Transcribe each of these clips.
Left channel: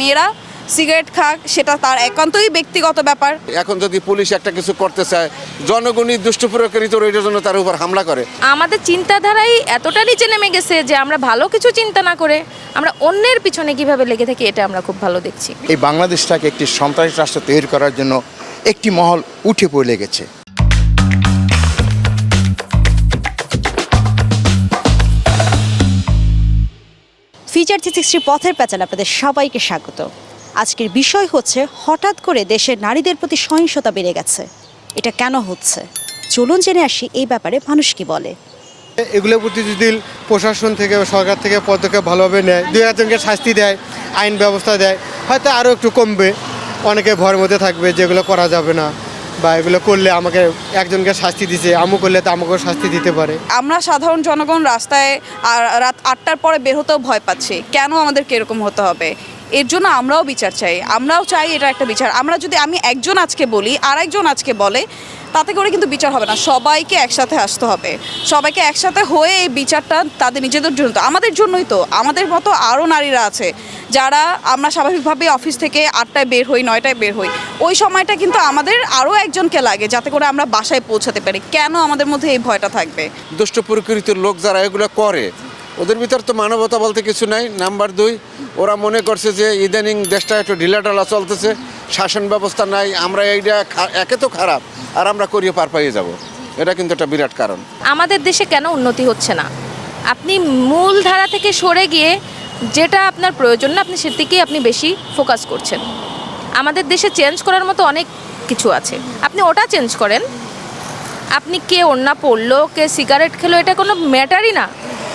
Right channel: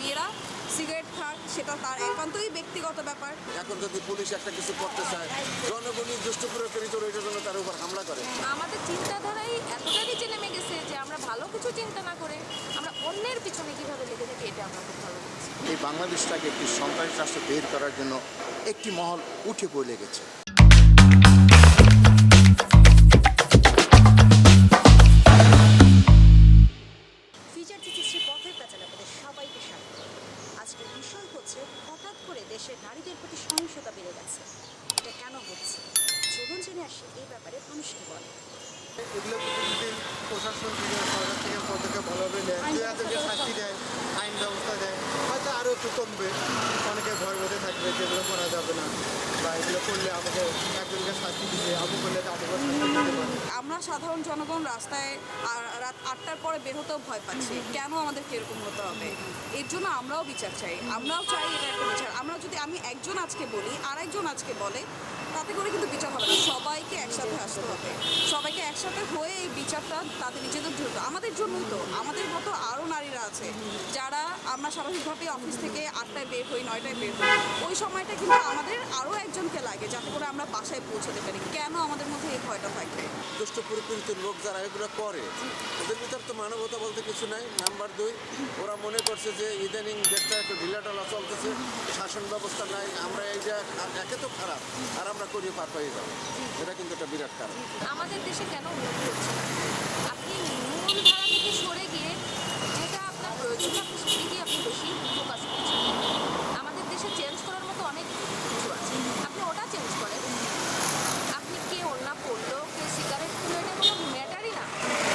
মেয়েরা সিগারেট খাক সেটা তার একান্তই ব্যক্তিগত ব্যাপার। এখন যদি পুলিশ একটা কিছু করতে চায় জনগণই দুষ্ট প্রয়োগকারী তো জন্য তার উপর হামলা করে। আমাদের চিন্তাধারাই এতটা নিচে নেমে গেছে যে আমরা ভালো কিছু চিন্তা না করে আমরা অন্যের পিছনে কীভাবে লেগে থাকি এটা আমরা খুব ভালো দেখছি। এই বাংলাদেশটাকে একটি সন্ত্রাসী রাষ্ট্র তৈরি করার জন্য একটি মহল উঠে পড়ে লেগেছে। ফিচার থ্রি সিক্সটি পথের প্যাচাল আপনাদের সবাইকে স্বাগত। আজকের বিষয় হচ্ছে, হঠাৎ করে দেশের নারীদের প্রতি সহিংসতা বেড়ে গেছে। এটা কেন হচ্ছে? চলুন জেনে আসি এই ব্যাপারে মানুষ কি বলে। এগুলোর প্রতি যদি প্রশাসন থেকে সরকার থেকে পদক্ষেপ ভালোভাবে নেয়, দুই একজনকে শাস্তি দেয়, আইন ব্যবস্থা দেয়, হয়তো আরও একটু কমবে, অনেকে ভয়ের মধ্যে থাকবে যেগুলো করা যাবে না। বা এগুলো করলে আমাকে একজনকে শাস্তি দিছে, আমু করলে তো আমাকেও শাস্তি দিতে পারে। আমরা সাধারণ জনগণ রাস্তায় রাত আটটার পরে বের হতেও ভয় পাচ্ছি। কেন আমাদেরকে এরকম হতে হবে? এর জন্য আমরাও বিচার চাই। আমরাও চাই এটা একটা বিচার। আমরা যদি আমি একজন আজকে বলি আর একজন আজকে বলে, তাতে করে কিন্তু বিচার হবে না। সবাইকে একসাথে আসতে হবে। সবাইকে একসাথে হয়ে এই বিচারটা তাদের নিজেদের জন্য তো, আমাদের জন্যই তো। আমাদের মতো আরও নারীরা আছে, যারা আমরা স্বাভাবিকভাবে অফিস থেকে আটটায় বের হই, নয়টায় বের হই। ওই সময়টা কিন্তু আমাদের আরও একজনকে লাগে, যাতে করে আমরা বাসায় পৌঁছাতে পারি। কেন আমাদের মধ্যে এই ভয়টা থাকবে? দুষ্ট প্রকৃতির লোক যারা এগুলো করে ওদের ভিতর তো মানবতা বলতে কিছু নাই। নাম্বার দুই, ওরা মনে করছে যে ইদানিং দেশটা একটু ঢিলাঢালা চলতেছে, শাসন ব্যবস্থা নাই, আমরা এইটা একে তো খারাপ, আর আমরা করিয়ে পার পাইয়ে যাব। এটা কিন্তু একটা বিরাট কারণ। আমাদের দেশে কেন উন্নতি হচ্ছে না? আপনি মূল ধারা থেকে সরে গিয়ে যেটা আপনার প্রয়োজন না, আপনি সেদিকেই আপনি বেশি ফোকাস করছেন। আমাদের দেশে চেঞ্জ করার মতো অনেক কিছু আছে। আপনি ওটা চেঞ্জ করেন। আপনি কে ওন্না পড়ল কে সিগারেট খেলো, এটা কোনো ম্যাটারই না।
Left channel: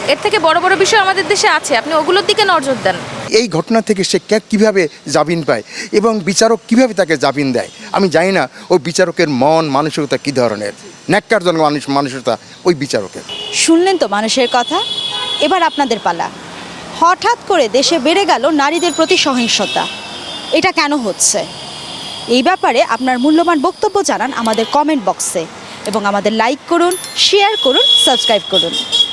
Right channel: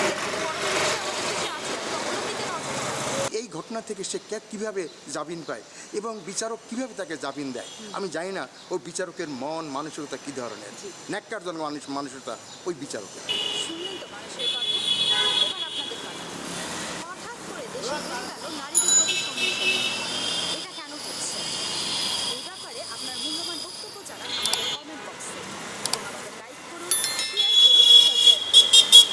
এর থেকে বড় বড় বিষয় আমাদের দেশে আছে। আপনি ওগুলোর দিকে নজর দেন। এই ঘটনা থেকে সে কে- কীভাবে জামিন পায় এবং বিচারক কীভাবে তাকে জামিন দেয় আমি জানি না। ওই বিচারকের মন মানসিকতা কী ধরনের? ন্যাক্কারজনক মানুষ মানসিকতা ওই বিচারকের। শুনলেন তো মানুষের কথা? এবার আপনাদের পালা। হঠাৎ করে দেশে বেড়ে গেল নারীদের প্রতি সহিংসতা। এটা কেন হচ্ছে? এই ব্যাপারে আপনার মূল্যবান বক্তব্য জানান আমাদের কমেন্ট বক্সে এবং আমাদের লাইক করুন শেয়ার করুন সাবস্ক্রাইব করুন।